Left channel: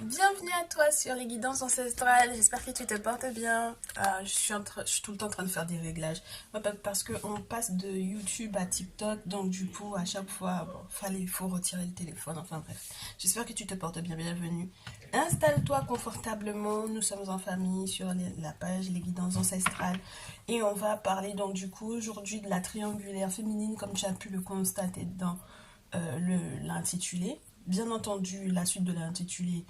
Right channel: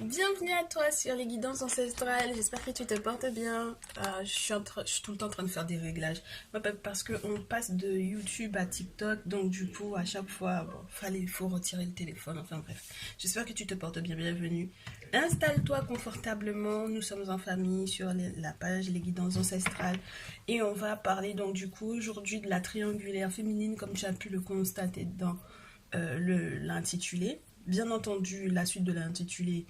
Bienvenue à toi sur les guidances ancestrales, j'espère que tu te portes bien. Je suis tout le temps en train de faire des réglages. Ouais, parce qu'on passe de YouTube à TikTok, donc du coup à chaque fois, il faut retirer le téléphone, enfin bref. J'espère que tu te portes bien, bienvenue. Installe-toi confortablement, nous sommes en famille sur la page Les guidances ancestrales. Et on va parler donc du coup aujourd'hui de la triangulaire féminine comme tu as pu le constater dans l'intitulé. Bien entendu, la suite de l'intitulé,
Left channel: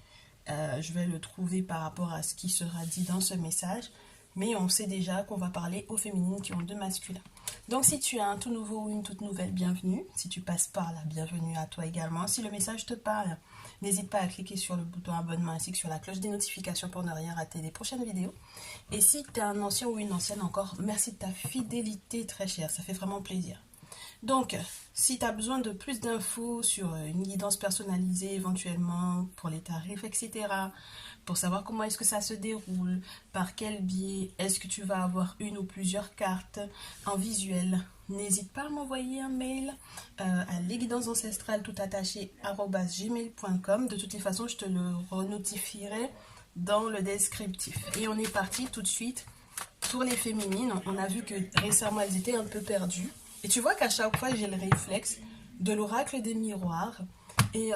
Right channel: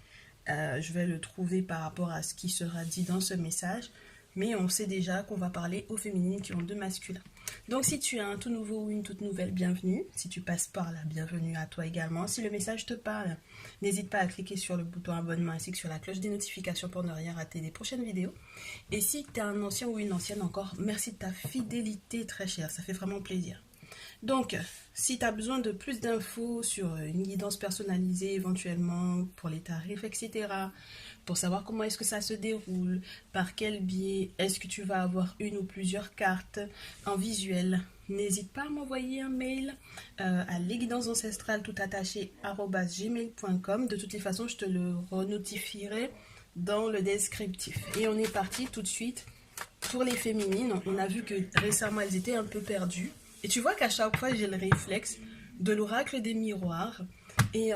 je vais le trouver par rapport à ce qui sera dit dans ce message. Mais on sait déjà qu'on va parler aux féminines qui ont deux masculins. Donc si tu as un tout nouveau ou une toute nouvelle, bienvenue. Si tu passes par là, bienvenue à toi également. Si le message te parle, n'hésite pas à cliquer sur le bouton abonnement ainsi que sur la cloche des notifications pour ne rien rater des prochaines vidéos. Et si tu es un ancien ou une ancienne encore, merci de ta fidélité très chère, ça fait vraiment plaisir. Donc, si tu as besoin de plus d'infos sur une guidance personnalisée éventuellement pour les tarifs, etc., pour savoir comment est-ce que ça se déroule, par quel biais, est-ce que tu vas avoir une ou plusieurs cartes en visuel, n'hésite pas à m'envoyer un mail à lesguidancesancestrales tout attaché @gmail.com. De toutes les façons, je te le renotifierai dans le descriptif. Et on est parti tout de suite pour les féminines. On a vu que récemment, elles étaient un peu perdues. Et tu vois qu'à chaque fois, j'ai le réflexe de l'oracle des miroirs. Et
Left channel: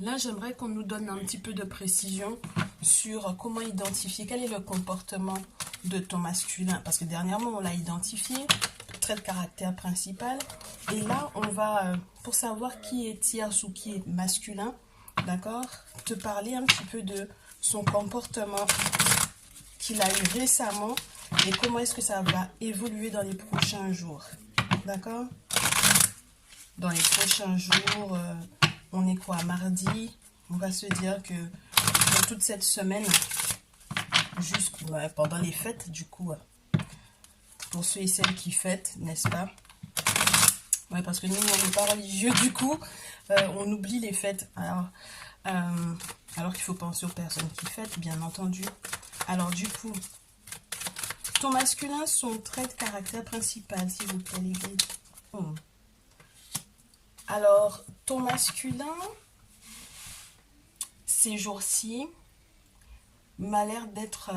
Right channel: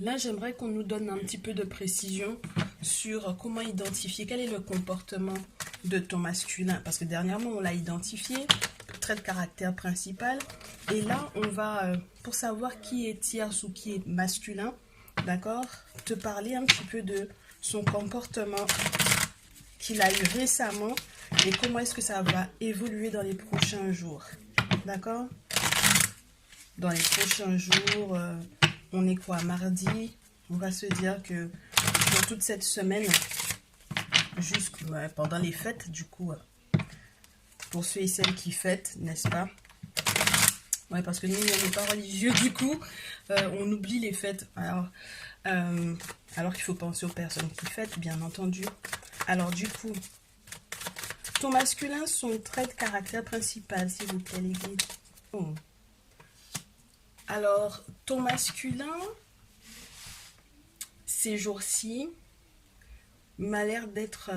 là, j'aimerais qu'on nous donne un petit peu de précision sur comment identifier, quel est le comportement de ton masculin. Parce que dernièrement, on l'a identifié, trait de caractère principal. Et là, on va, pour savoir qui est tierce ou qui est masculin, d'accord, te parler un petit peu de son comportement qu'il a eu récemment et comment est-ce que ça va évoluer dans les prochains jours. D'accord? Dans les prochains jours, on est quoi? Mardi. On va se dire que dans toute cette semaine, pendant les fêtes, du coup, pour ceux et celles qui fêtent, n'est-ce pas? Ouais, parce que nous, on n'est pas religieux, du coup, on oublie les fêtes. Alors qu'il faut penser aux personnes qui fêtent, bien entendu. Alors, du coup, ton masculin, son trait de caractère principal, s'il vous plaît, les guides. Oh. Alors, ton masculin, ces jours-ci, m'a l'air d'être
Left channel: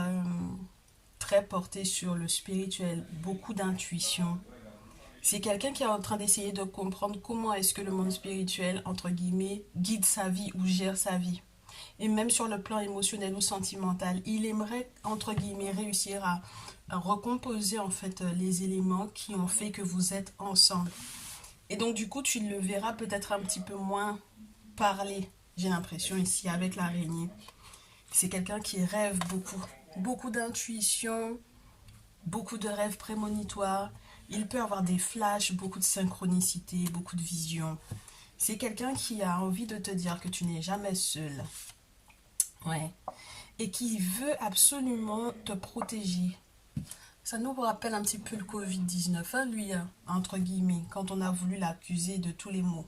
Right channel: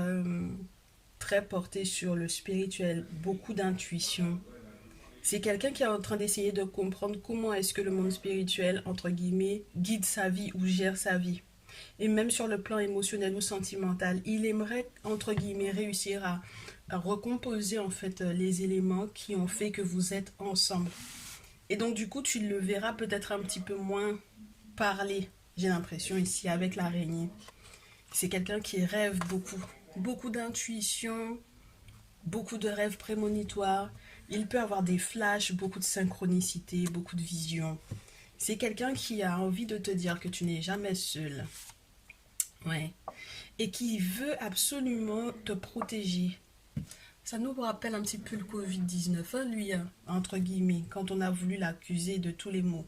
très porté sur le spirituel, beaucoup d'intuition. C'est quelqu'un qui est en train d'essayer de comprendre comment est-ce que le monde spirituel, entre guillemets, guide sa vie ou gère sa vie. Et même sur le plan émotionnel ou sentimental, il aimerait, entre guillemets, réussir à recomposer en fait les éléments qui ont fait que vous êtes ensemble. Et donc du coup, tu le verras peut-être un petit peu moins parler, j'ai l'impression ici avec l'araignée. C'est quelqu'un qui rêve beaucoup, beaucoup d'intuition, beaucoup de rêves prémonitoires. Il peut avoir des flashs, beaucoup de synchronicité, beaucoup de visions. C'est quelqu'un qui a envie de te dire que tu n'es jamais seul. Ouais. Et qui veut absolument te protéger. Ça nous rappelle un petit peu le Covid-19, hein, lui, hein, entre guillemets, quand on a voulu l'accuser de tous les maux.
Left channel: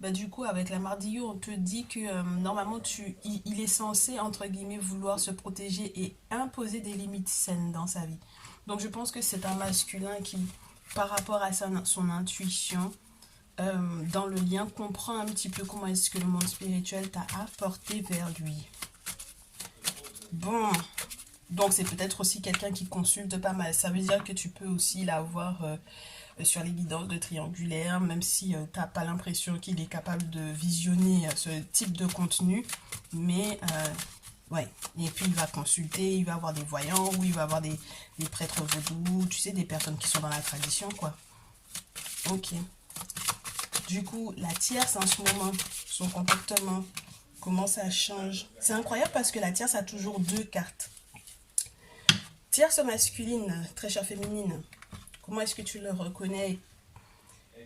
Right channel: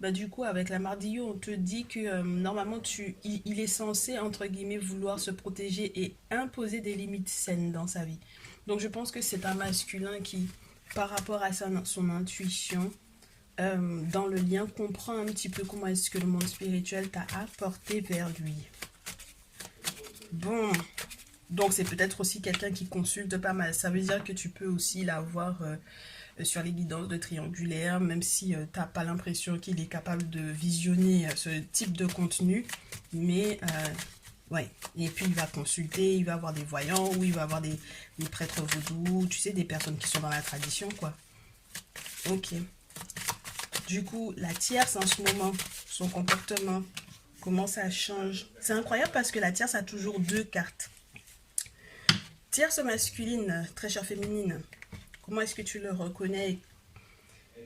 Bah, du coup, avec la Mardillo, on te dit que normalement, il est censé, entre guillemets, vouloir se protéger et imposer des limites saines dans sa vie. Donc, je pense que c'est un masculin qui, par rapport à son intuition, dans le lien, comprend un petit peu comment est-ce que le monde spirituel t'a apporté vers lui. Bon, donc c'est peut-être aussi quelqu'un qui consulte pas mal. Ça veut dire que tu peux aussi l'avoir sur les guidances de triangulaire, même si tu n'as pas l'impression qu'il est capable de visionner ce type de contenu. Mais, ouais. Et puis il va consulter, il va avoir des voyants, ou il va avoir des prêtres vaudous, tu sais, des personnes qui sont dans la tradition, quoi. Ok. Du coup, la tierce en ce moment, son comportement, comment ça change. C'est incroyable parce que la tierce a toujours deux cartes. Tierce masculine, très chère féminine, comment est-ce que tu le reconnais?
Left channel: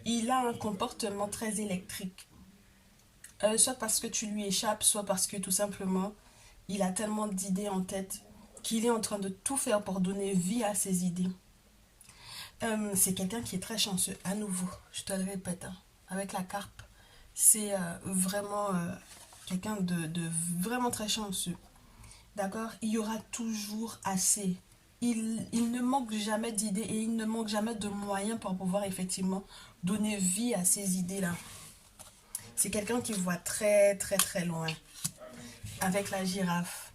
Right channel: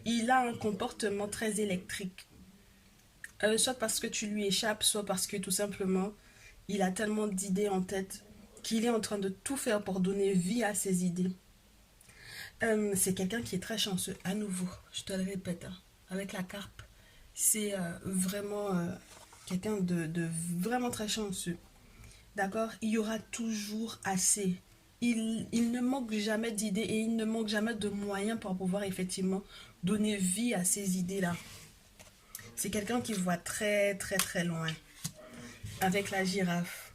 Il a un comportement très électrique. Soit parce que tu lui échappes, soit parce que tout simplement, il a tellement d'idées en tête qu'il est en train de tout faire pour donner vie à ses idées. C'est quelqu'un qui est très chanceux, à nouveau, je te le répète, hein, avec la carpe. C'est vraiment quelqu'un de vraiment très chanceux. D'accord? Il y aura toujours assez. Il ne manque jamais d'idées et il ne manque jamais de moyens pour pouvoir effectivement donner vie à ces idées-là. C'est quelqu'un qui voit très très très loin. avec la girafe.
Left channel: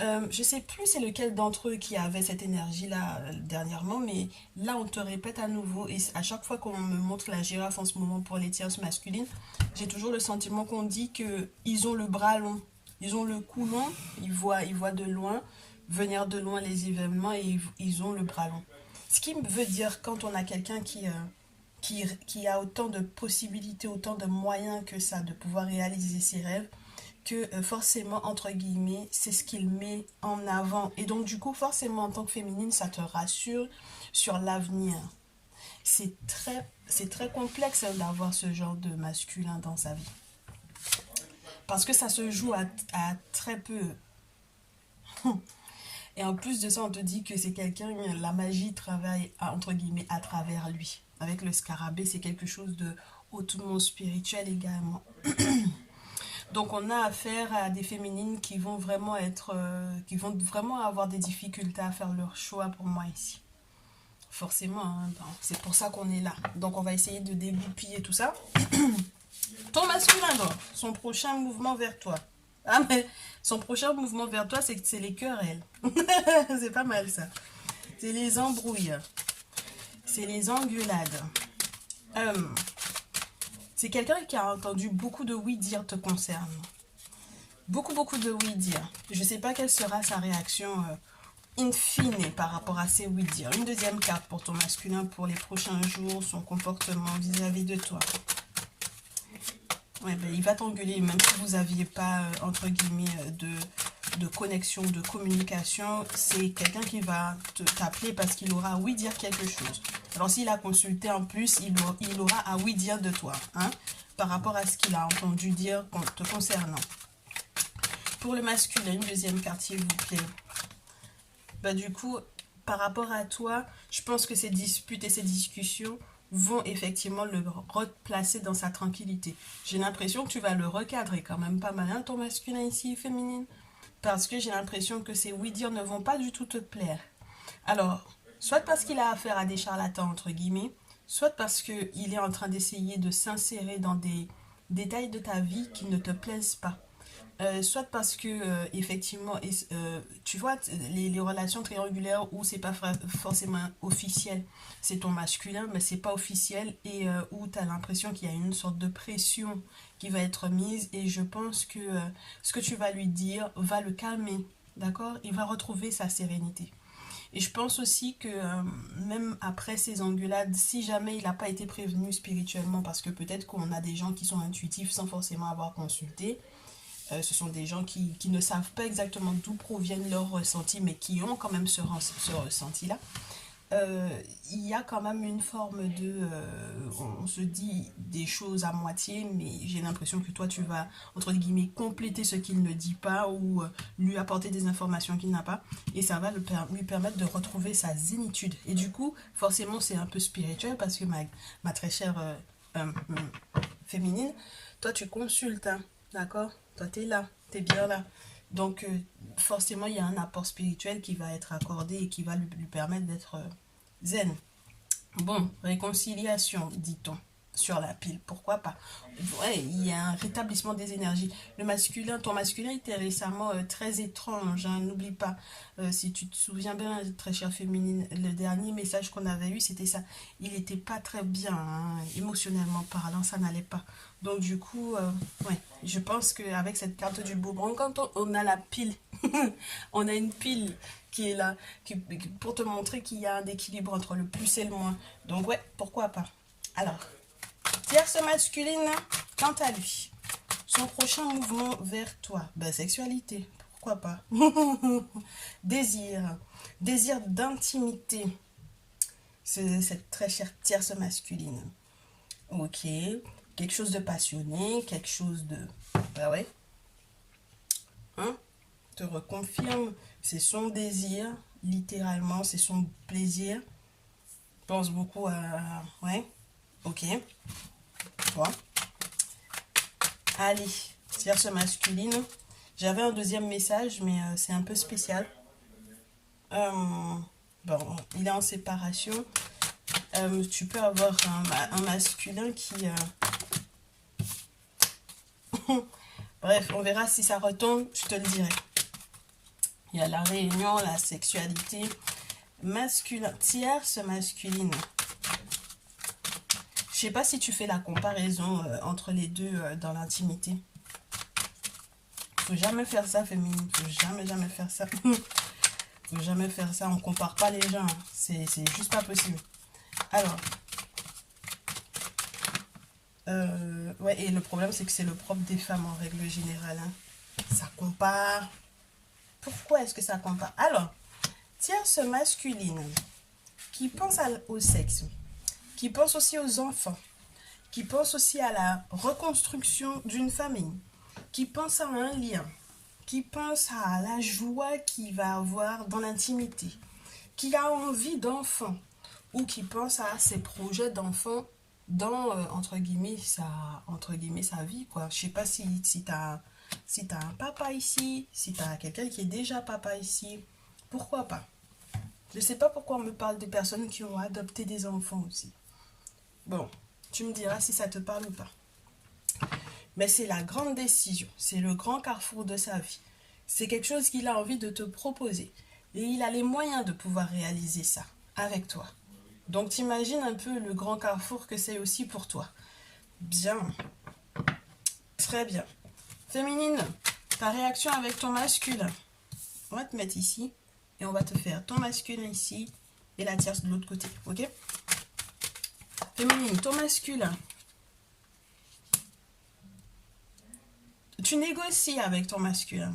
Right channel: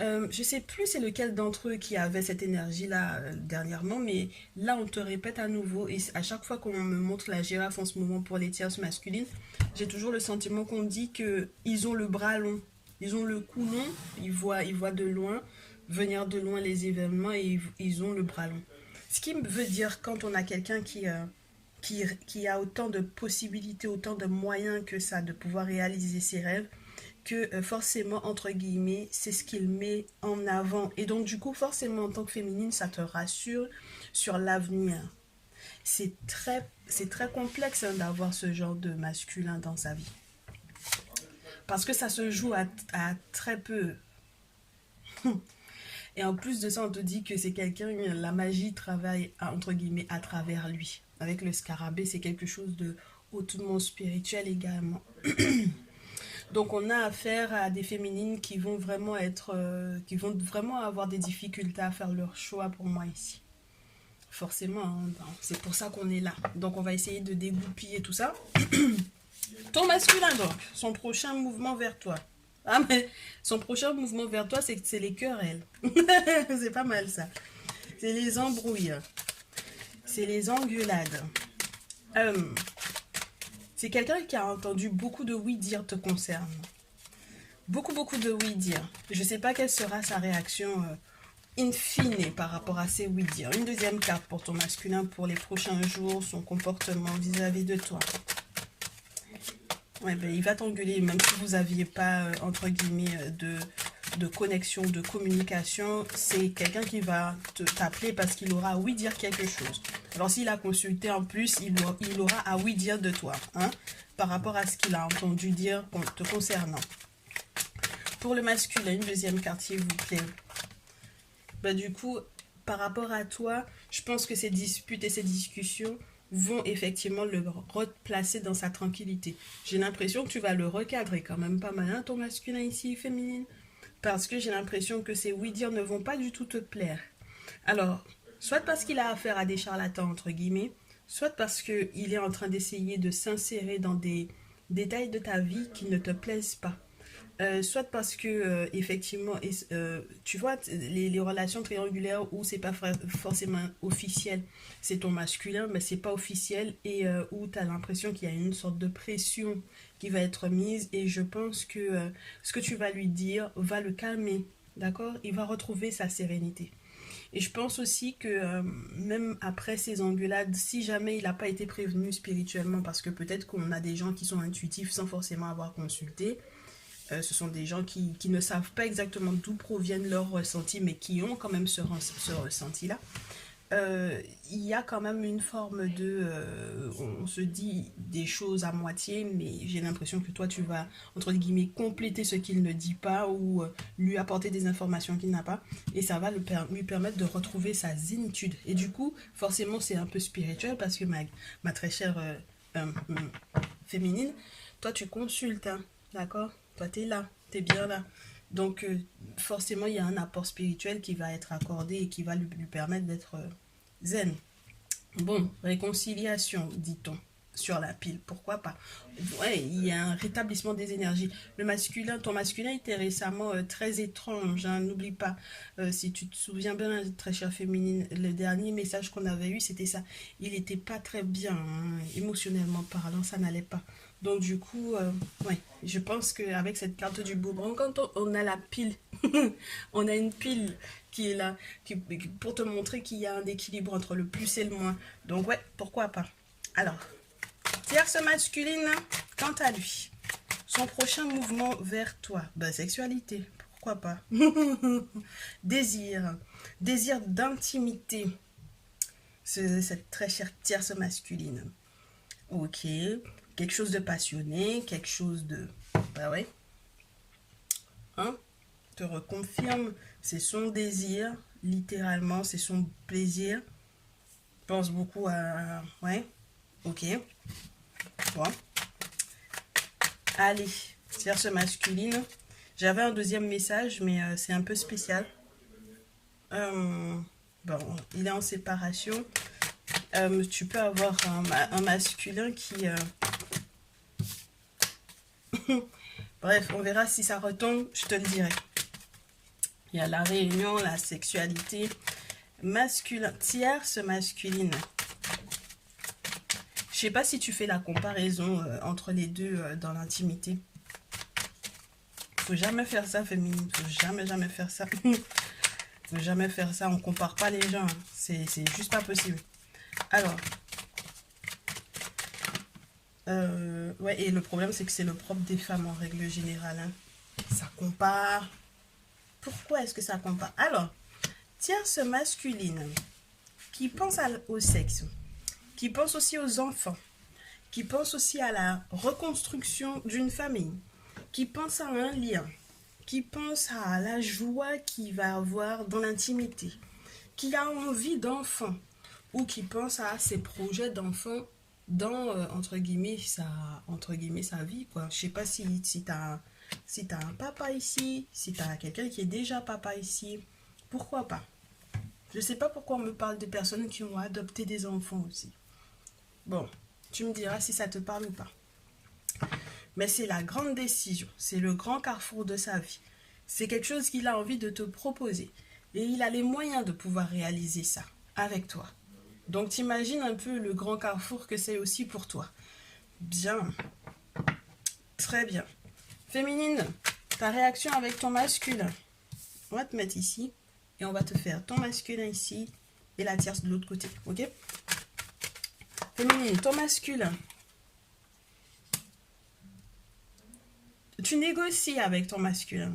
Je sais plus c'est lequel d'entre eux qui avait cette énergie-là dernièrement, mais là on te répète à nouveau, et à chaque fois qu'on me montre la girafe en ce moment pour les tierces masculines, j'ai toujours le sentiment qu'on dit que ils ont le bras long, ils ont le cou long, ils voient de loin, venir de loin les événements, et ils ont le bras long. Ce qui veut dire quand on a quelqu'un qui a autant de possibilités, autant de moyens que ça de pouvoir réaliser ses rêves, que forcément, entre guillemets, c'est ce qu'il met en avant. Et donc, du coup, forcément, en tant que féminine, ça te rassure sur l'avenir. C'est très complexe d'avoir ce genre de masculin dans sa vie. Parce que ça se joue à très peu. Et en plus de ça, on te dit que c'est quelqu'un, la magie travaille, entre guillemets, à travers lui. Avec le scarabée, c'est quelque chose de hautement spirituel également. Donc on a affaire à des féminines qui vont vraiment qui vont vraiment avoir des difficultés à faire leur choix pour moi ici. Forcément, hein, c'est pour ça qu'on est là. Donc on va essayer de dégoupiller tout ça. Ton masculin donc, son prochain mouvement vers toi. Ah mais son prochain mouvement vers toi, c'est les querelles. C'est pas mal ça. C'est les embrouilles. C'est les engueulades. C'est quelqu'un qui a entendu beaucoup de oui-dire te concernant. Beaucoup de oui-dire. Je ne sais pas quelle sera sa réaction in fine par rapport à ces oui-dire. Une deuxième carte pour ton masculin pour les prochains jours, son comportement vis-à-vis de toi. Ouais, ben, il va t'engueuler, même si vous n'aviez pas, entre guillemets, de connexion, de communication. C'est quelqu'un qui va t'appeler parce qu'il aura à oui dire quelque chose. Alors s'il a consulté en plus, il aura à oui dire de toi, hein, par rapport à ce qu'il a entendu dire te concernant. Pour le masculin, une deuxième carte, s'il vous plaît. Bah, du coup, par rapport à toi, je pense que ces disputes et ces discussions vont effectivement le replacer dans sa tranquillité. J'ai l'impression que tu vas le recadrer quand même pas mal, hein, ton masculin ici, féminine. Parce que j'ai l'impression que ces oui-dire ne vont pas du tout te plaire. Alors, soit parce qu'il a affaire à des charlatans, entre guillemets, soit parce qu'il est en train d'essayer de s'insérer dans des détails de ta vie qui ne te plaisent pas. Soit parce que effectivement tu vois les relations triangulaires où c'est pas forcément officiel, c'est ton masculin mais c'est pas officiel, et où tu as l'impression qu'il y a une sorte de pression qui va être mise, et je pense que ce que tu vas lui dire va le calmer, d'accord, il va retrouver sa sérénité. Et je pense aussi que même après ces engueulades, si jamais il n'a pas été prévenu spirituellement, parce que peut-être qu'on a des gens qui sont intuitifs sans forcément avoir consulté, ce sont des gens qui ne savent pas exactement d'où proviennent leurs ressentis, mais qui ont quand même ce ressenti-là. Il y a quand même une forme de... on se dit des choses à moitié, mais j'ai l'impression que toi, tu vas, entre guillemets, compléter ce qu'il ne dit pas, ou lui apporter des informations qu'il n'a pas, et ça va lui permettre de retrouver sa zénitude. Et du coup, forcément, c'est un peu spirituel, parce que ma très chère féminine, toi, tu consultes, hein, d'accord ? Toi, tu es là, tu es bien là. Donc, forcément, il y a un apport spirituel qui va être accordé et qui va lui permettre d'être zen. Bon, réconciliation, dit-on, sur la pile. Pourquoi pas? Ouais, il y a un rétablissement des énergies. Le masculin, ton masculin était récemment très étrange, hein, n'oublie pas. Si tu te souviens bien, très chère féminine, le dernier message qu'on avait eu, c'était ça. Il n'était pas très bien, hein, émotionnellement parlant, ça n'allait pas. Donc du coup, ouais, je pense qu'avec cette carte du boomerang, quand on a la pile, on a une pile qui est là, pour te montrer qu'il y a un équilibre entre le plus et le moins. Donc ouais, pourquoi pas. Alors, tierce masculine, quant à lui, son prochain mouvement vers toi, ben, sexualité, pourquoi pas. Désir d'intimité, cette très chère tierce masculine. Ok. Quelque chose de passionné, quelque chose de... Bah ouais. Hein? Te reconfirme, c'est son désir, littéralement, c'est son plaisir. Pense beaucoup à... Ouais. Ok. Bon. Allez, tierce masculine. J'avais un deuxième message, mais c'est un peu spécial. Bon, il est en séparation. Tu peux avoir un masculin qui... Bref, on verra si ça retombe, je te le dirai. Il y a la réunion, la sexualité, masculin, tierce masculine. Je sais pas si tu fais la comparaison entre les deux dans l'intimité. Faut jamais faire ça, féminine. Faut jamais faire ça. Faut jamais faire ça. On compare pas les gens. C'est juste pas possible. Alors. Ouais, et le problème, c'est que c'est le propre des femmes en règle générale. Hein. Ça compare. Pourquoi est-ce que ça compare? Alors, tierce masculine qui pense au sexe, qui pense aussi aux enfants, qui pense aussi à la reconstruction d'une famille, qui pense à un lien, qui pense à la joie qu'il va avoir dans l'intimité, qui a envie d'enfant ou qui pense à ses projets d'enfant dans, entre guillemets, sa vie, quoi. Je sais pas si tu as, un papa ici, si tu as quelqu'un qui est déjà papa ici, pourquoi pas? Je sais pas pourquoi on me parle de personnes qui ont adopté des enfants aussi. Bon, tu me diras si ça te parle ou pas. Mais c'est la grande décision, c'est le grand carrefour de sa vie. C'est quelque chose qu'il a envie de te proposer. Et il a les moyens de pouvoir réaliser ça avec toi. Donc t'imagines un peu le grand carrefour que c'est aussi pour toi. Bien. Très bien. Féminine, ta réaction avec ton masculin. On va te mettre ici. Et on va te faire ton masculin ici. Et la tierce de l'autre côté. Ok? Féminine, ton masculin. Tu négocies avec ton masculin.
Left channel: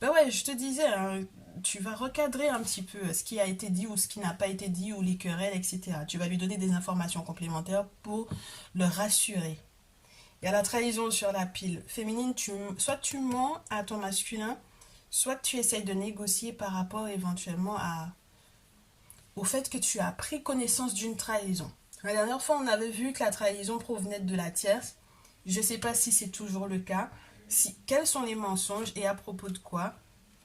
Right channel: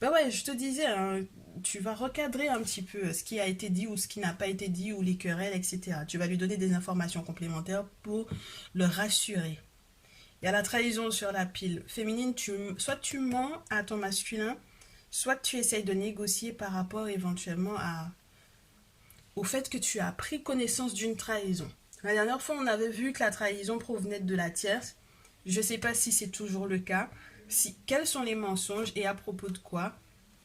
Ben ouais, je te disais, hein, tu vas recadrer un petit peu ce qui a été dit ou ce qui n'a pas été dit ou les querelles, etc. Tu vas lui donner des informations complémentaires pour le rassurer. Il y a la trahison sur la pile. Féminine, soit tu mens à ton masculin, soit tu essayes de négocier par rapport éventuellement au fait que tu as pris connaissance d'une trahison. La dernière fois, on avait vu que la trahison provenait de la tierce. Je ne sais pas si c'est toujours le cas. Quels sont les mensonges et à propos de quoi?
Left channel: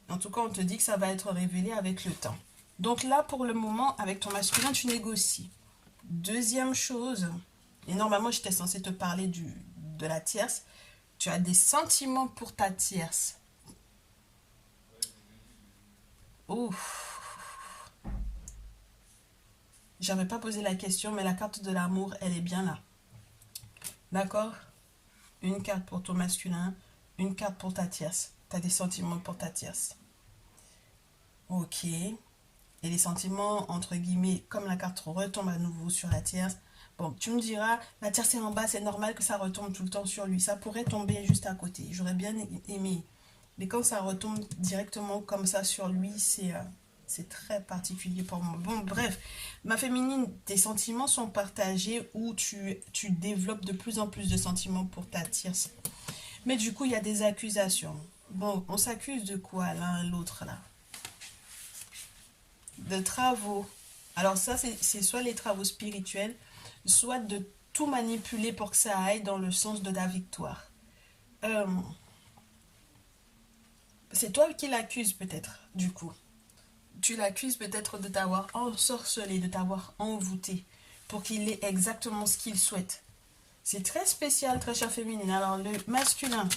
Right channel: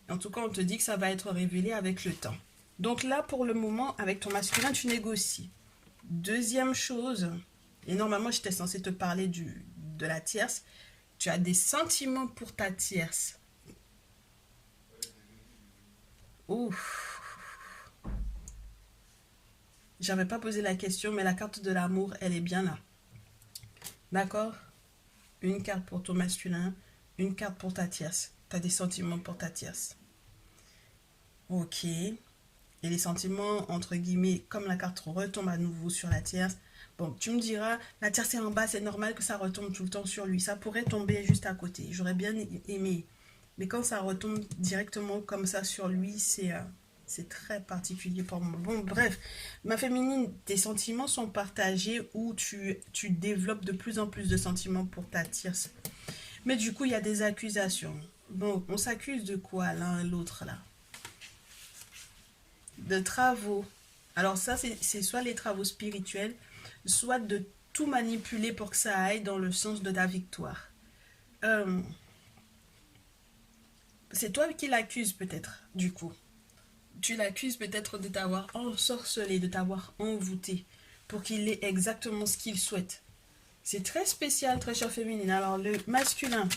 En tout cas, on te dit que ça va être révélé avec le temps. Donc là, pour le moment, avec ton masculin, tu négocies. Deuxième chose, et normalement, j'étais censée te parler de la tierce. Tu as des sentiments pour ta tierce. Ouf. J'avais pas posé la question, mais la carte de l'amour, elle est bien là. D'accord? Une carte pour ton masculin, une carte pour ta tierce. Tu as des sentiments pour ta tierce. Ok. Et les sentiments, entre guillemets, comme la carte retombe à nouveau sur la tierce. Bon, tu me diras, la tierce est en bas, c'est normal que ça retombe tout le temps sur lui. Ça pourrait tomber juste à côté. J'aurais bien aimé. Mais quand ça retombe directement comme ça sur lui, c'est très particulier pour moi. Bon, bref, ma féminine, tes sentiments sont partagés ou tu développes de plus en plus de sentiments pour ta tierce. Mais du coup, il y a des accusations. Bon, on s'accuse de quoi l'un et l'autre là? De travaux. Alors ça, c'est soit les travaux spirituels, soit de tout manipuler pour que ça aille dans le sens de ta victoire. C'est toi qui l'accuses peut-être, du coup. Tu l'accuses peut-être de t'avoir ensorcelé, de t'avoir envoûté, pour qu'il ait exactement ce qu'il souhaite. C'est très spécial, très chère féminine. Alors, le masculin,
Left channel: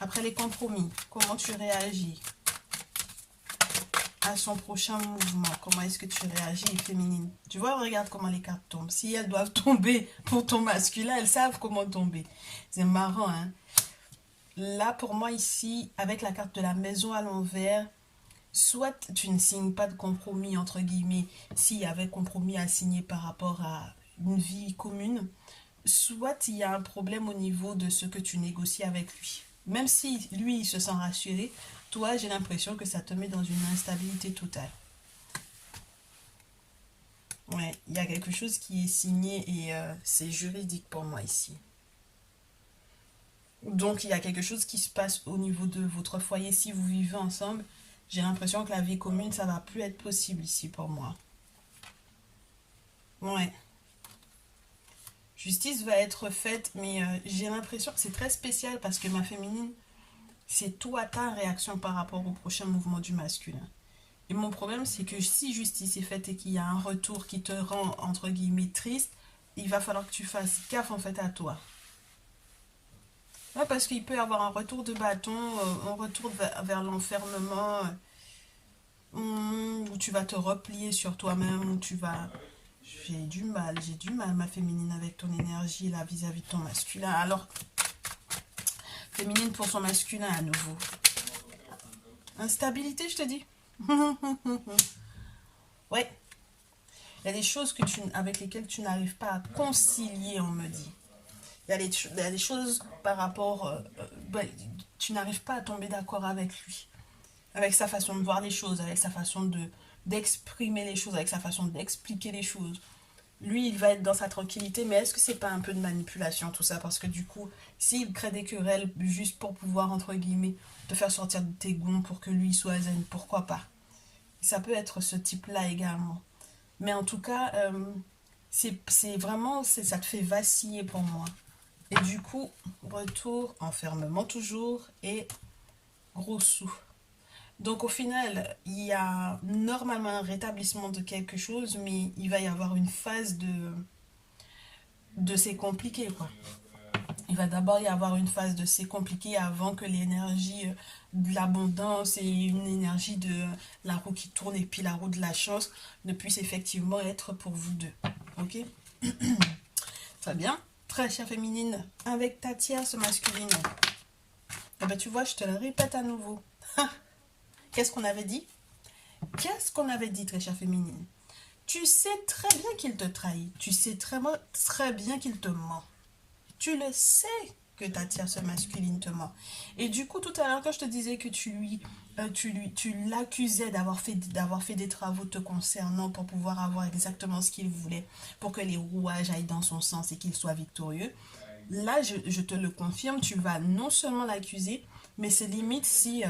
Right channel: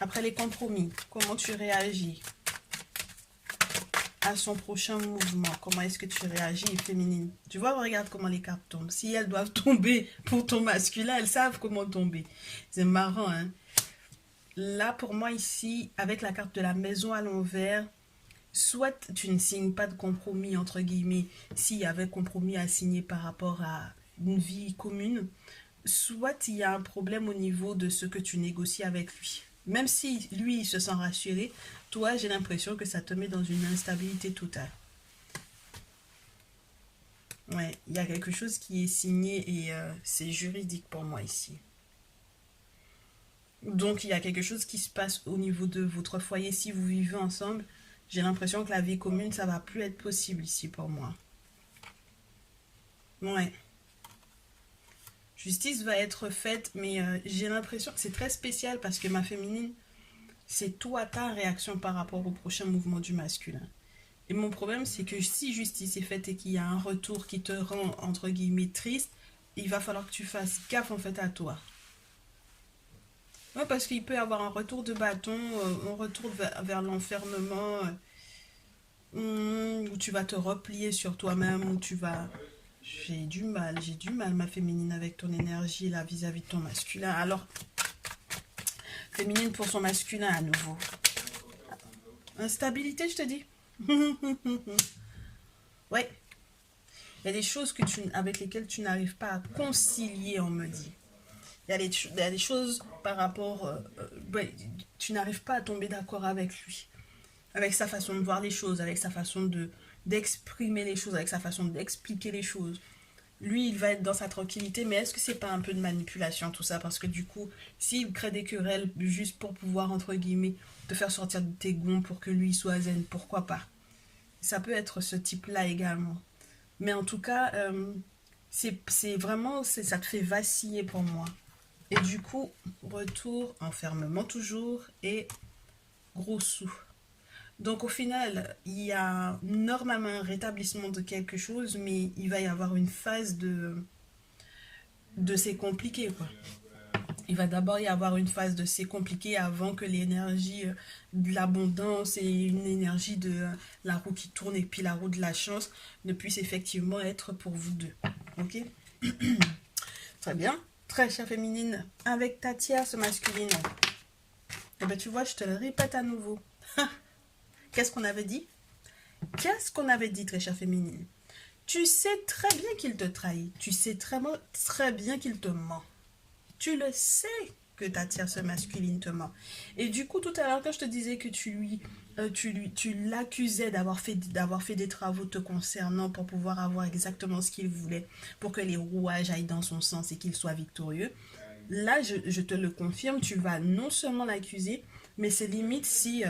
après les compromis, comment tu réagis à son prochain mouvement? Comment est-ce que tu réagis, féminine? Tu vois, regarde comment les cartes tombent. Si elles doivent tomber pour ton masculin, elles savent comment tomber. C'est marrant, hein? Là, pour moi, ici, avec la carte de la maison à l'envers, soit tu ne signes pas de compromis, entre guillemets, s'il y avait compromis à signer par rapport à une vie commune, soit il y a un problème au niveau de ce que tu négocies avec lui. Même si lui, il se sent rassuré, toi, j'ai l'impression que ça te met dans une instabilité totale. Ouais, il y a quelque chose qui est signé et c'est juridique pour moi ici. Donc, il y a quelque chose qui se passe au niveau de votre foyer si vous vivez ensemble. J'ai l'impression que la vie commune, ça va plus être possible ici pour moi. Ouais. Justice va être faite, mais j'ai l'impression que c'est très spécial parce que ma féminine, c'est toi ta réaction par rapport au prochain mouvement du masculin. Et mon problème, c'est que si justice est faite et qu'il y a un retour qui te rend, entre guillemets, triste, il va falloir que tu fasses gaffe en fait à toi. Ouais, parce qu'il peut y avoir un retour de bâton, un retour vers l'enfermement, où tu vas te replier sur toi-même, où tu vas... j'ai du mal, ma féminine, avec ton énergie là vis-à-vis de ton masculin. Alors, féminine pour son masculin à nouveau. Instabilité, je te dis. Ouais, il y a des choses avec lesquelles tu n'arrives pas à concilier, on me dit. Il y a des choses par rapport... tu n'arrives pas à tomber d'accord avec lui. Avec sa façon de voir les choses, avec sa façon d'exprimer les choses, avec sa façon d'expliquer les choses. Lui, il va être dans sa tranquillité, mais est-ce que c'est pas un peu de manipulation tout ça? Parce que du coup, s'il crée des querelles juste pour pouvoir, entre guillemets, te faire sortir de tes gonds pour que lui soit zen, pourquoi pas? Ça peut être ce type-là également. Mais en tout cas, c'est vraiment, ça te fait vaciller pour moi. Et du coup, retour, enfermement toujours, et gros sous. Donc au final, il y a normalement un rétablissement de quelque chose, mais il va y avoir une phase de c'est compliqué, quoi. Il va d'abord y avoir une phase de c'est compliqué avant que l'énergie de l'abondance et une énergie de la roue qui tourne et puis la roue de la chance ne puisse effectivement être pour vous deux. Ok? Très bien. Très chère féminine, avec ta tierce masculine. Et ben tu vois, je te le répète à nouveau. Qu'est-ce qu'on avait dit? Qu'est-ce qu'on avait dit, très chère féminine? Tu sais très bien qu'il te trahit. Tu sais très bien qu'il te ment. Tu le sais que ta tierce masculine te ment. Et du coup, tout à l'heure, quand je te disais que tu l'accusais d'avoir fait des travaux te concernant pour pouvoir avoir exactement ce qu'il voulait, pour que les rouages aillent dans son sens et qu'il soit victorieux, là, je te le confirme, tu vas non seulement l'accuser, mais c'est limite si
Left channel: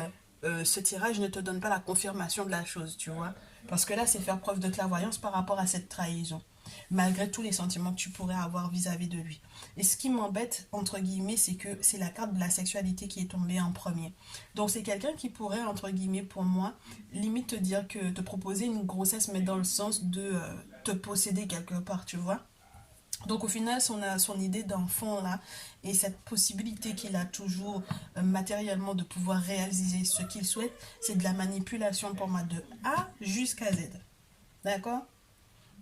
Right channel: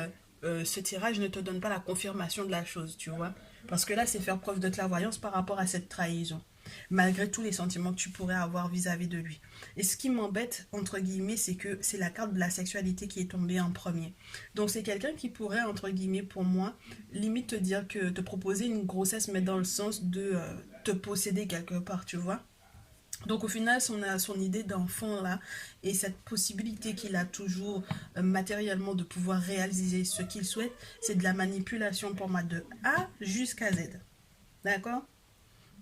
ce tirage ne te donne pas la confirmation de la chose, tu vois. Parce que là, c'est faire preuve de clairvoyance par rapport à cette trahison, malgré tous les sentiments que tu pourrais avoir vis-à-vis de lui. Et ce qui m'embête, entre guillemets, c'est que c'est la carte de la sexualité qui est tombée en premier. Donc c'est quelqu'un qui pourrait, entre guillemets, pour moi, limite te dire que te proposer une grossesse, mais dans le sens de te posséder quelque part, tu vois. Donc au final, son idée d'enfant là, et cette possibilité qu'il a toujours matériellement de pouvoir réaliser ce qu'il souhaite, c'est de la manipulation pour moi de A jusqu'à Z. D'accord?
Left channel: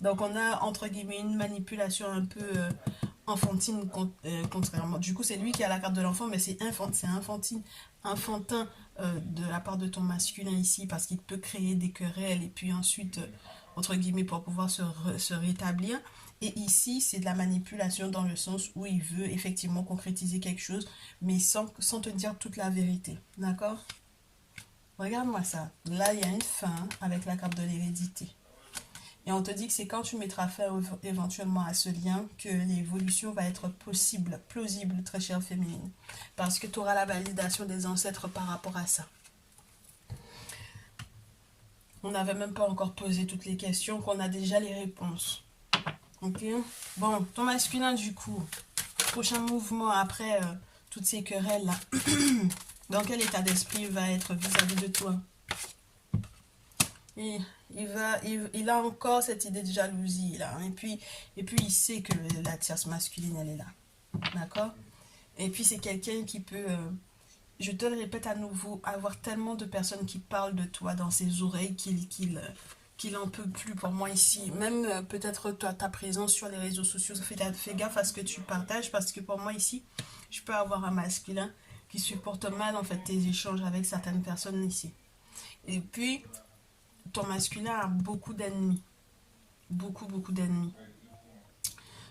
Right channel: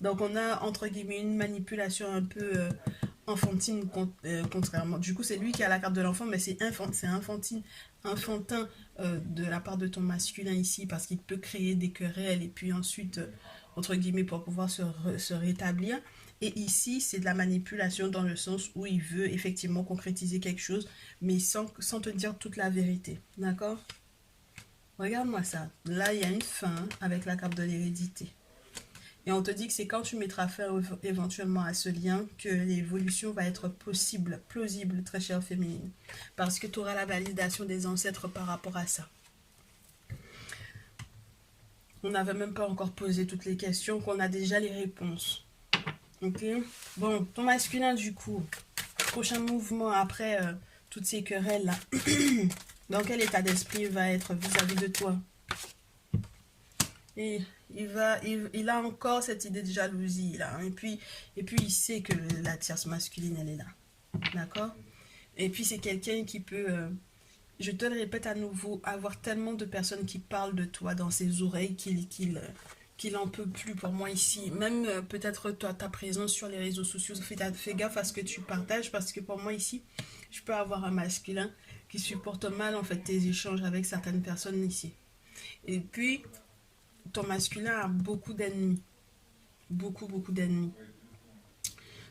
Donc on a entre guillemets une manipulation un peu enfantine, contrairement. Du coup, c'est lui qui a la carte de l'enfant, mais c'est enfantin de la part de ton masculin ici, parce qu'il peut créer des querelles et puis ensuite, entre guillemets, pour pouvoir se rétablir. Et ici, c'est de la manipulation dans le sens où il veut effectivement concrétiser quelque chose, mais sans te dire toute la vérité. D'accord? Regarde-moi ça. Là, il y a une fin avec la carte de l'hérédité. Et on te dit que c'est quand tu mettras fin éventuellement à ce lien que l'évolution va être possible, plausible, très chère féminine. Parce que tu auras la validation des ancêtres par rapport à ça. On n'avait même pas encore posé toutes les questions, qu'on a déjà les réponses. Ok? Bon, ton masculin du coup, prochain mouvement après toutes ces querelles là. Dans quel état d'esprit il va être vis-à-vis de toi? Et il a encore cette idée de jalousie là. Et puis il sait que la tierce masculine elle est là. D'accord? Et puis c'est quelqu'un qui peut, je te le répète à nouveau, avoir tellement de personnes qui parlent de toi dans ses oreilles qu'il en peut plus pour moi ici. Même peut-être toi, ta présence sur les réseaux sociaux, fais gaffe à ce que tu partages, parce que pour moi ici, je peux avoir un masculin qui supporte mal en fait tes échanges avec certaines personnes ici. Et puis ton masculin a beaucoup d'ennemis. Beaucoup d'ennemis.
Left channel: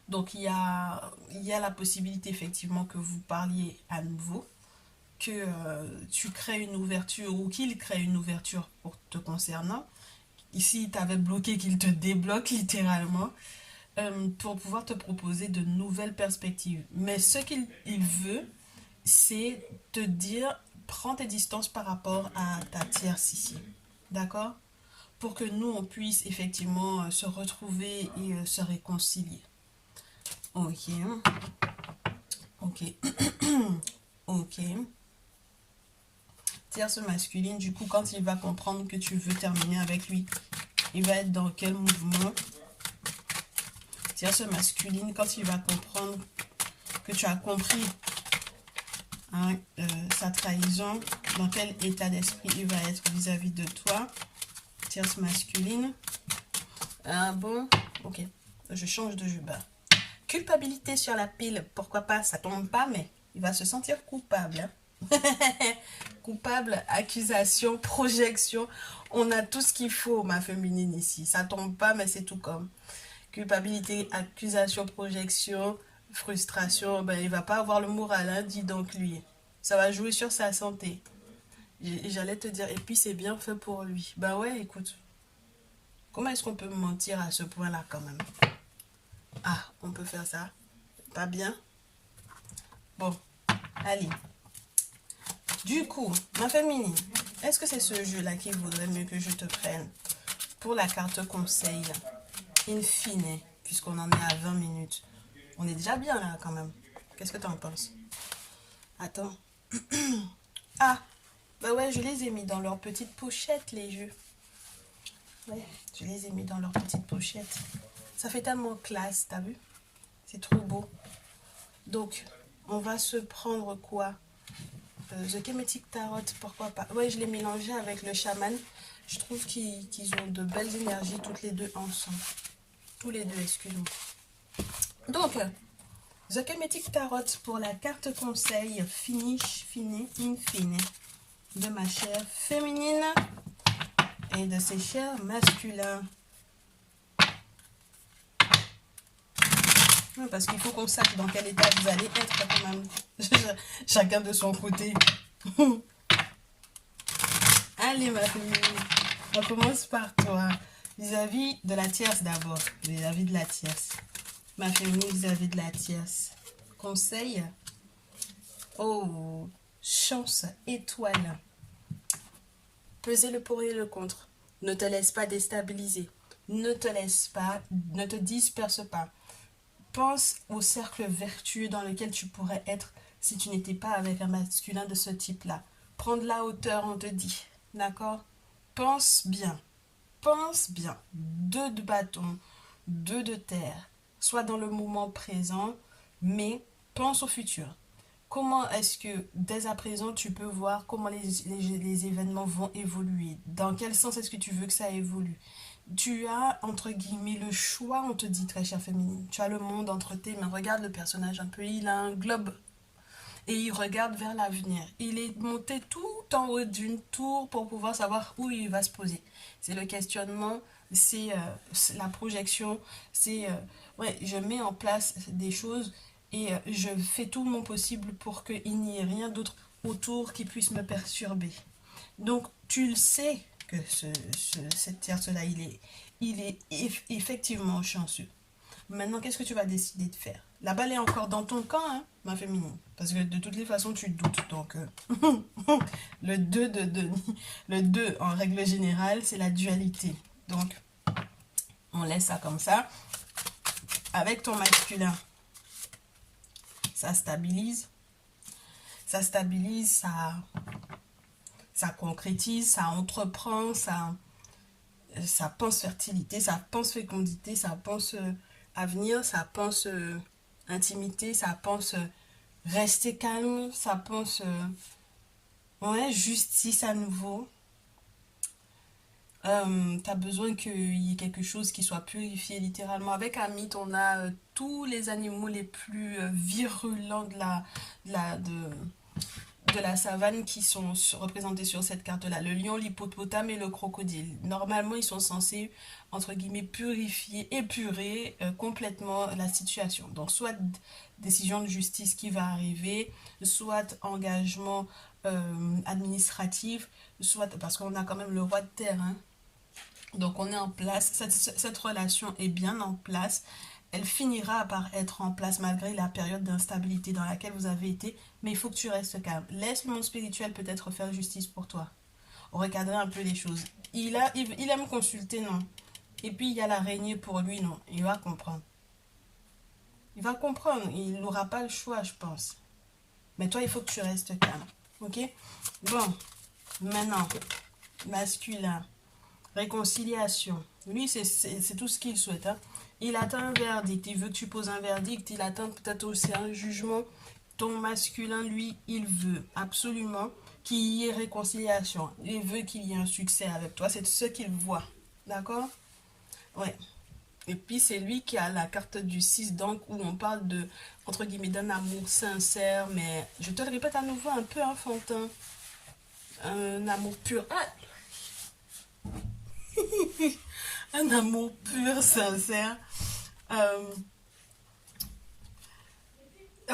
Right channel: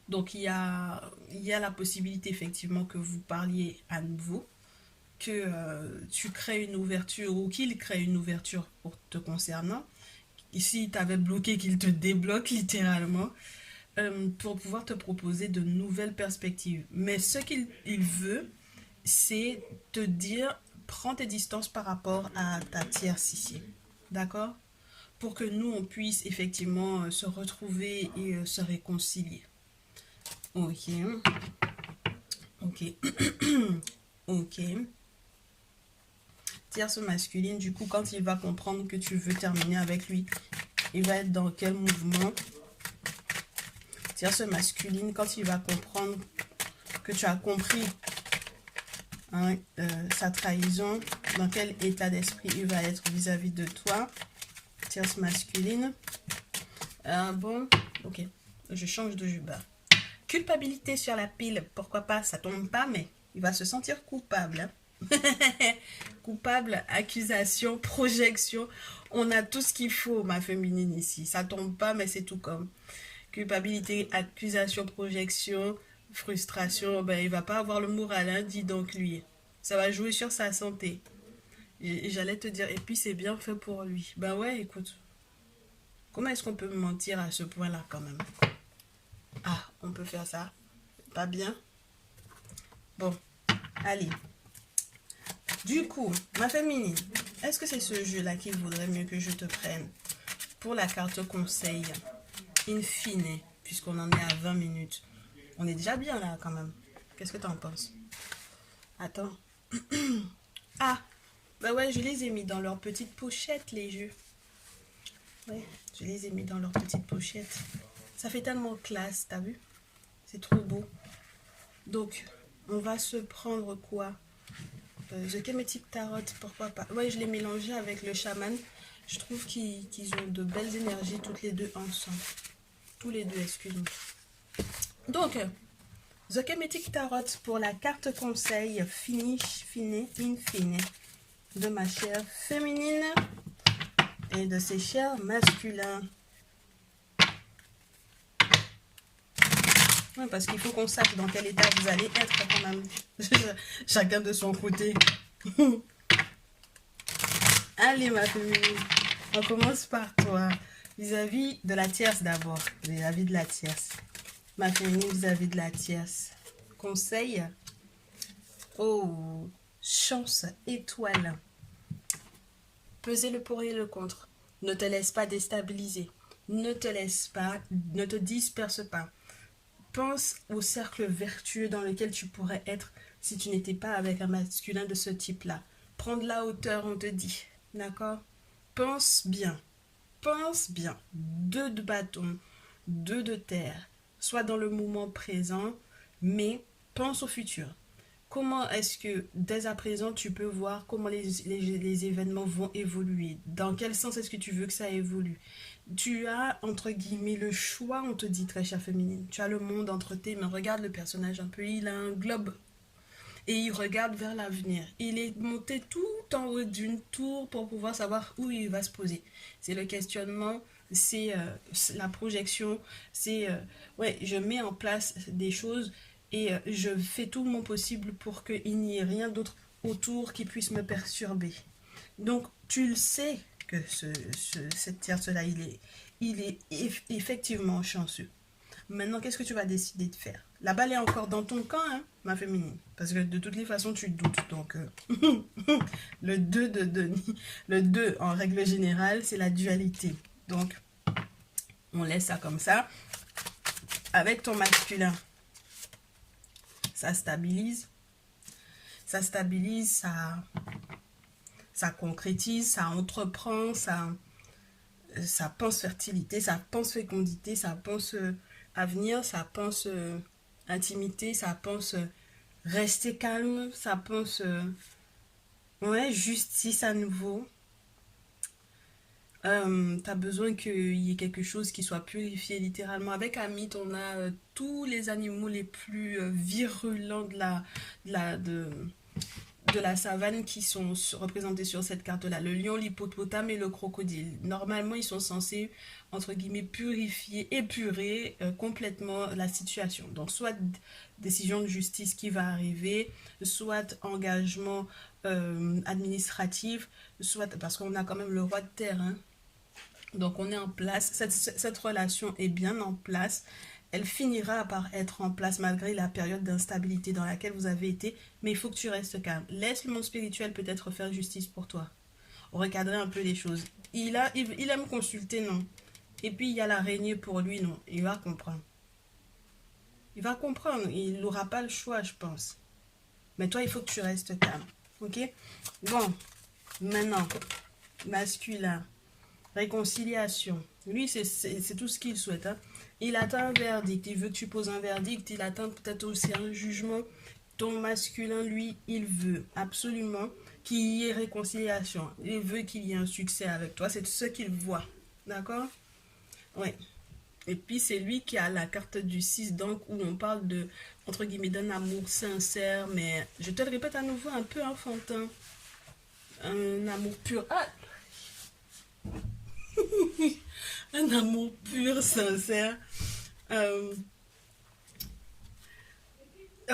Donc il y a la possibilité effectivement que vous parliez à nouveau, que tu crées une ouverture ou qu'il crée une ouverture pour te concernant. Ici, il t'avait bloqué, qu'il te débloque littéralement pour pouvoir te proposer de nouvelles perspectives. Mais ce qu'il veut, c'est te dire, prends tes distances par rapport à ta tierce ici. D'accord? Pour que nous, on puisse effectivement se retrouver et se réconcilier. Ok. Ok. Ok. Tierce masculine, du coup, quand il va comprendre que tu veux terminer avec lui, il va être dans quel mouvement? Tierce masculine, quand il va comprendre que tu as compris hein, sa trahison, dans quel état d'esprit il va être vis-à-vis de toi. Tierce masculine. Ah bon, ok, je change de jeu. Culpabilité sur la pile, pourquoi pas, ça tombe pas, mais il va se sentir coupable. Hein. Coupable, accusation, projection. On a tout ce qu'il faut, ma féminine, ici. Ça tombe pas, mais c'est tout comme. Culpabilité, accusation, projection, frustration. Ben, il va pas avoir le moral, hein, dis donc lui. Ça va jouer sur sa santé. J'allais te dire, et puis c'est bien fait pour lui. Ben ouais, écoute. Comment est-ce qu'on peut mentir à ce point-là quand même? Ah, on peut faire ça. Pas bien? Bon, allez. Du coup, ma féminine, est-ce que c'est ce jeu-là qu'il vaudrait mieux que je te prenne pour la carte conseil in fine, puisqu'on en est à 20 minutes? On est déjà bien là quand même. Qu'est-ce que tu en penses? Attends. Ah, bah ouais, je les ai mis dans leur petite pochette, les jeux. Ouais, je les ai mis dans leur petite pochette. Ça fait tellement classe, t'as vu? C'est trop beau. Donc, on va se prendre quoi? The Kemetic Tarot, pourquoi pas? Ouais, je l'ai mélangé avec le chaman. Je trouve qu'ils ont de belles énergies toutes les deux ensemble. Tous les deux, excuse-moi. Donc, The Kemetic Tarot pour la carte conseil finish, fini, in fine de ma chère féminine et de ses chers masculins. Oui, parce qu'il faut qu'on sache dans quel état vous allez être quand même. Chacun de son côté. Allez, ma féminine, on commence par toi. Vis-à-vis de la tierce d'abord. Vis-à-vis de la tierce. Ma féminine vis-à-vis de la tierce. Conseil. Oh, chance, étoile. Pesez le pour et le contre. Ne te laisse pas déstabiliser. Ne te laisse pas, ne te disperse pas. Pense au cercle vertueux dans lequel tu pourrais être si tu n'étais pas avec un masculin de ce type-là. Prends de la hauteur, on te dit. D'accord? Pense bien. Pense bien. 2 de bâton, 2 de terre. Sois dans le moment présent, mais pense au futur. Comment est-ce que, dès à présent, tu peux voir comment les événements vont évoluer? Dans quel sens est-ce que tu veux que ça évolue? Tu as, entre guillemets, le choix, on te dit, très chère féminine. Tu as le monde entre tes mains. Regarde le personnage un peu, il a un globe. Et il regarde vers l'avenir. Il est monté tout en haut d'une tour pour pouvoir savoir où il va se poser. C'est le questionnement, c'est la projection, c'est, ouais, je mets en place des choses et je fais tout mon possible pour qu'il n'y ait rien d'autre autour qui puisse me perturber. Donc, tu le sais que cette tierce-là, il est effectivement chanceux. Maintenant, qu'est-ce que tu vas décider de faire? La balle est encore dans ton camp, hein, ma féminine. Parce que de toutes les façons, tu doutes. Donc, le 2 de Denis, le 2, en règle générale, c'est la dualité. Donc, on laisse ça comme ça. Avec ton masculin, ça stabilise. Ça stabilise, ça concrétise, ça entreprend, ça pense fertilité, ça pense fécondité, ça pense avenir, ça pense intimité, ça pense rester calme, ça pense ouais, justice à nouveau. T'as besoin qu'il y ait quelque chose qui soit purifié littéralement. Avec Amit, on a tous les animaux les plus virulents de la savane qui sont représentés sur cette carte-là. Le lion, l'hippopotame et le crocodile. Normalement, ils sont censés, entre guillemets, purifier, épurer complètement la situation. Donc, soit décision de justice qui va arriver, soit engagement administratif, soit parce qu'on a quand même le roi de terre, hein. Donc, on est en place. Cette relation est bien en place. Elle finira par être en place malgré la période d'instabilité dans laquelle vous avez été. Mais il faut que tu restes calme. Laisse le monde spirituel peut-être faire justice pour toi. Recadrer un peu les choses. Il aime consulter, non. Et puis il y a l'araignée pour lui, non. Il va comprendre. Il va comprendre. Il n'aura pas le choix, je pense. Mais toi, il faut que tu restes calme. Ok? Bon. Maintenant, masculin. Réconciliation. Lui, c'est tout ce qu'il souhaite. Hein. Il attend un verdict. Il veut que tu poses un verdict. Il attend peut-être aussi un jugement. ton masculin, lui, il veut absolument qu'il y ait réconciliation. Il veut qu'il y ait un succès avec toi. C'est ce qu'il voit. D'accord? Ouais. Et puis, c'est lui qui a la carte du 6, donc, où on parle de, entre guillemets, d'un amour sincère, mais je te le répète à nouveau, un peu enfantin. Un amour pur. Ah! Un amour pur, sincère. Euh,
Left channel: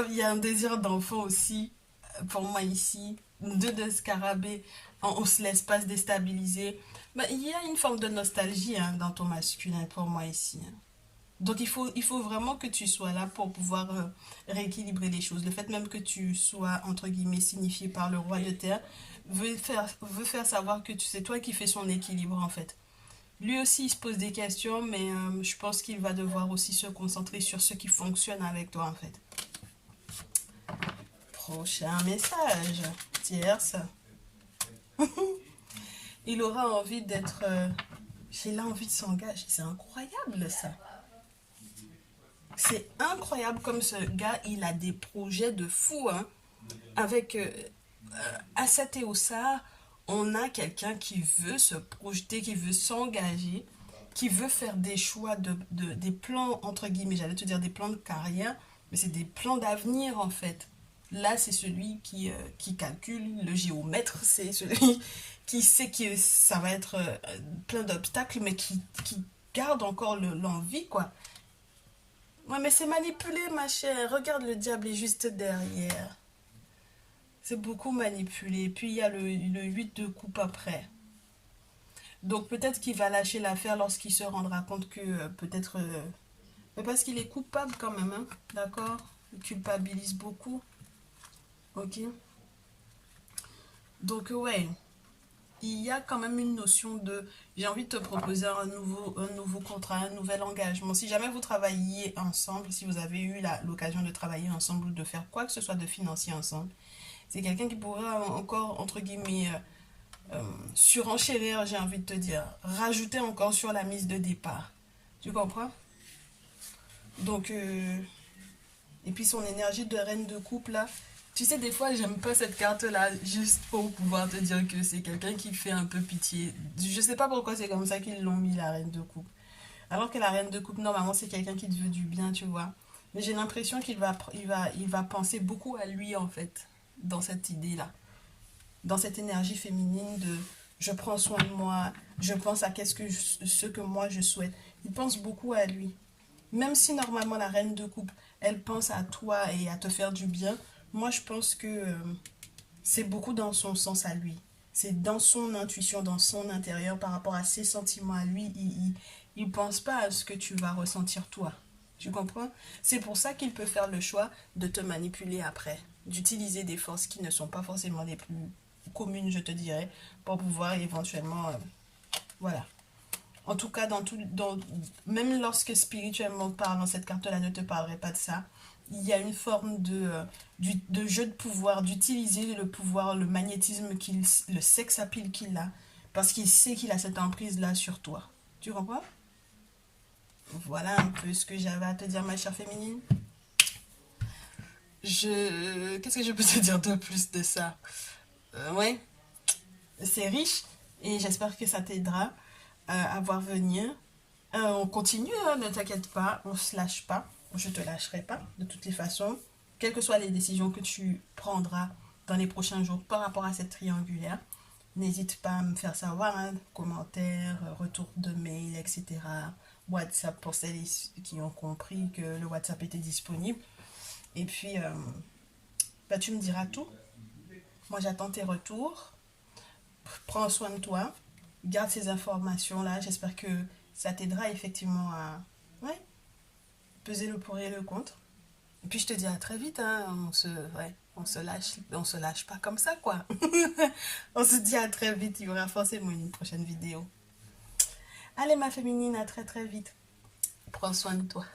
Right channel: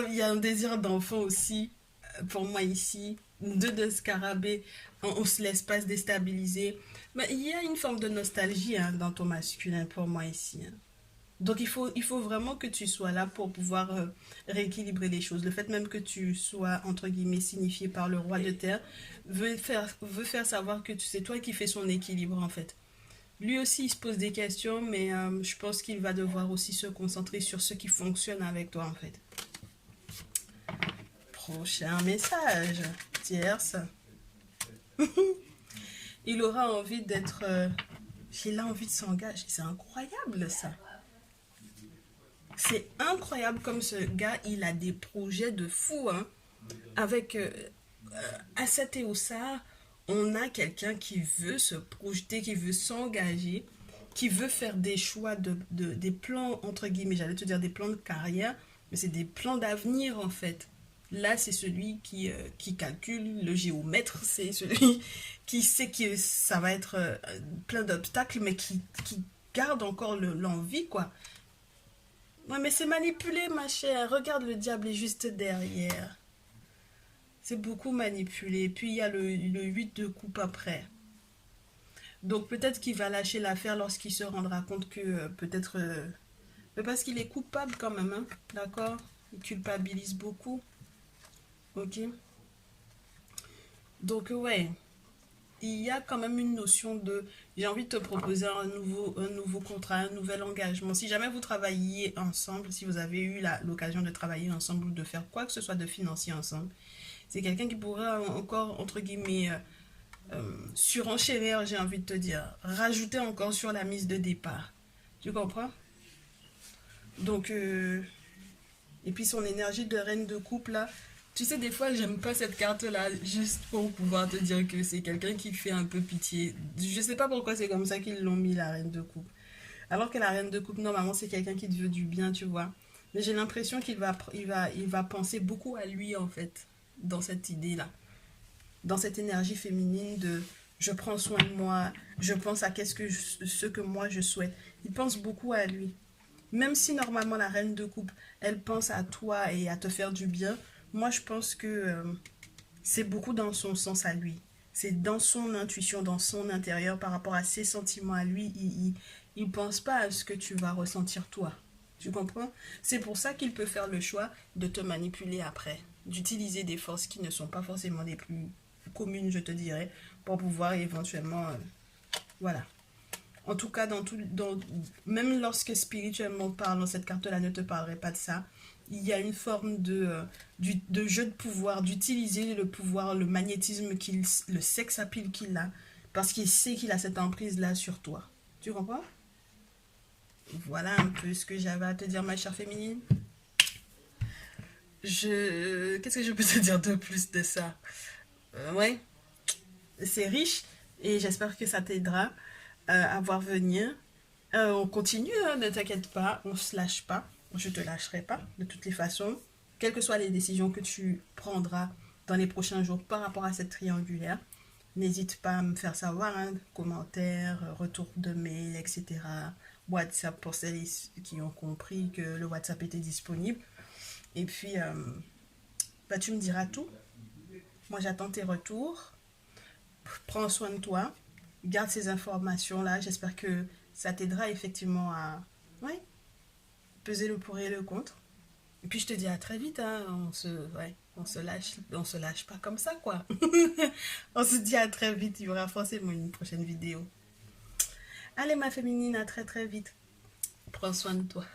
il y a un désir d'enfant aussi, pour moi ici. Deux de scarabée, on se laisse pas se déstabiliser. Mais il y a une forme de nostalgie hein, dans ton masculin pour moi ici. Hein. Donc il faut vraiment que tu sois là pour pouvoir rééquilibrer les choses. Le fait même que tu sois, entre guillemets, signifié par le roi de terre, veut faire savoir que c'est toi qui fais son équilibre en fait. Lui aussi, il se pose des questions, mais je pense qu'il va devoir aussi se concentrer sur ce qui fonctionne avec toi en fait. Prochain message. Tierce. Il aura envie d'être... il a envie de s'engager. C'est incroyable ça. C'est incroyable comme ce gars, il a des projets de fou. Hein. Avec Asset et Ossa, on a quelqu'un qui veut se projeter, qui veut s'engager, qui veut faire des choix, des plans, entre guillemets, j'allais te dire des plans de carrière, mais c'est des plans d'avenir en fait. Là, c'est celui qui calcule, le géomètre, c'est celui qui sait que ça va être plein d'obstacles, mais qui garde encore l'envie, quoi. Ouais, mais c'est manipulé, ma chère. Regarde, le diable est juste derrière. C'est beaucoup manipulé. Puis, il y a le 8 de coupe après. Donc, peut-être qu'il va lâcher l'affaire lorsqu'il se rendra compte que peut-être... mais parce qu'il est coupable quand même, hein. D'accord? Il culpabilise beaucoup. Ok? Donc, ouais. Il y a quand même une notion de j'ai envie de te proposer un nouveau contrat, un nouvel engagement. Si jamais vous travaillez ensemble, si vous avez eu l'occasion de travailler ensemble ou de faire quoi que ce soit de financier ensemble, c'est quelqu'un qui pourra encore, entre guillemets, surenchérir, j'ai envie de te dire, rajouter encore sur la mise de départ. Tu comprends? Donc, et puis son énergie de reine de couple là, tu sais, des fois, j'aime pas cette carte-là, juste pour pouvoir te dire que c'est quelqu'un qui fait un peu pitié. Je sais pas pourquoi c'est comme ça qu'ils l'ont mis, la reine de coupe. Alors que la reine de coupe, normalement, c'est quelqu'un qui te veut du bien, tu vois. Mais j'ai l'impression il va penser beaucoup à lui, en fait, dans cette idée-là. Dans cette énergie féminine de je prends soin de moi, je pense à ce que moi je souhaite. Il pense beaucoup à lui. Même si normalement la reine de coupe, elle pense à toi et à te faire du bien, moi je pense que c'est beaucoup dans son sens à lui. C'est dans son intuition, dans son intérieur par rapport à ses sentiments à lui. Il pense pas à ce que tu vas ressentir toi. Tu comprends? C'est pour ça qu'il peut faire le choix de te manipuler après. D'utiliser des forces qui ne sont pas forcément les plus communes, je te dirais, pour pouvoir éventuellement... voilà. En tout cas, même lorsque spirituellement parlant, cette carte-là ne te parlerait pas de ça, il y a une forme de jeu de pouvoir, d'utiliser le pouvoir, le magnétisme, le sex appeal qu'il a, parce qu'il sait qu'il a cette emprise-là sur toi. Tu comprends? Voilà un peu ce que j'avais à te dire, ma chère féminine. Qu'est-ce que je peux te dire de plus de ça? Ouais, c'est riche et j'espère que ça t'aidera à voir venir. On continue, hein, ne t'inquiète pas, on se lâche pas. Je te lâcherai pas de toutes les façons. Quelles que soient les décisions que tu prendras dans les prochains jours par rapport à cette triangulaire, n'hésite pas à me faire savoir, hein, commentaires, retour de mail, etc. WhatsApp pour celles qui ont compris que le WhatsApp était disponible. Et puis, bah, tu me diras tout. Moi, j'attends tes retours. Prends soin de toi. Garde ces informations-là. J'espère que ça t'aidera effectivement à peser le pour et le contre. Et puis, je te dis à très vite. Hein. On se lâche pas comme ça, quoi. On se dit à très vite. Il y aura forcément une prochaine vidéo. Allez, ma féminine, à très très vite. Prends soin de toi.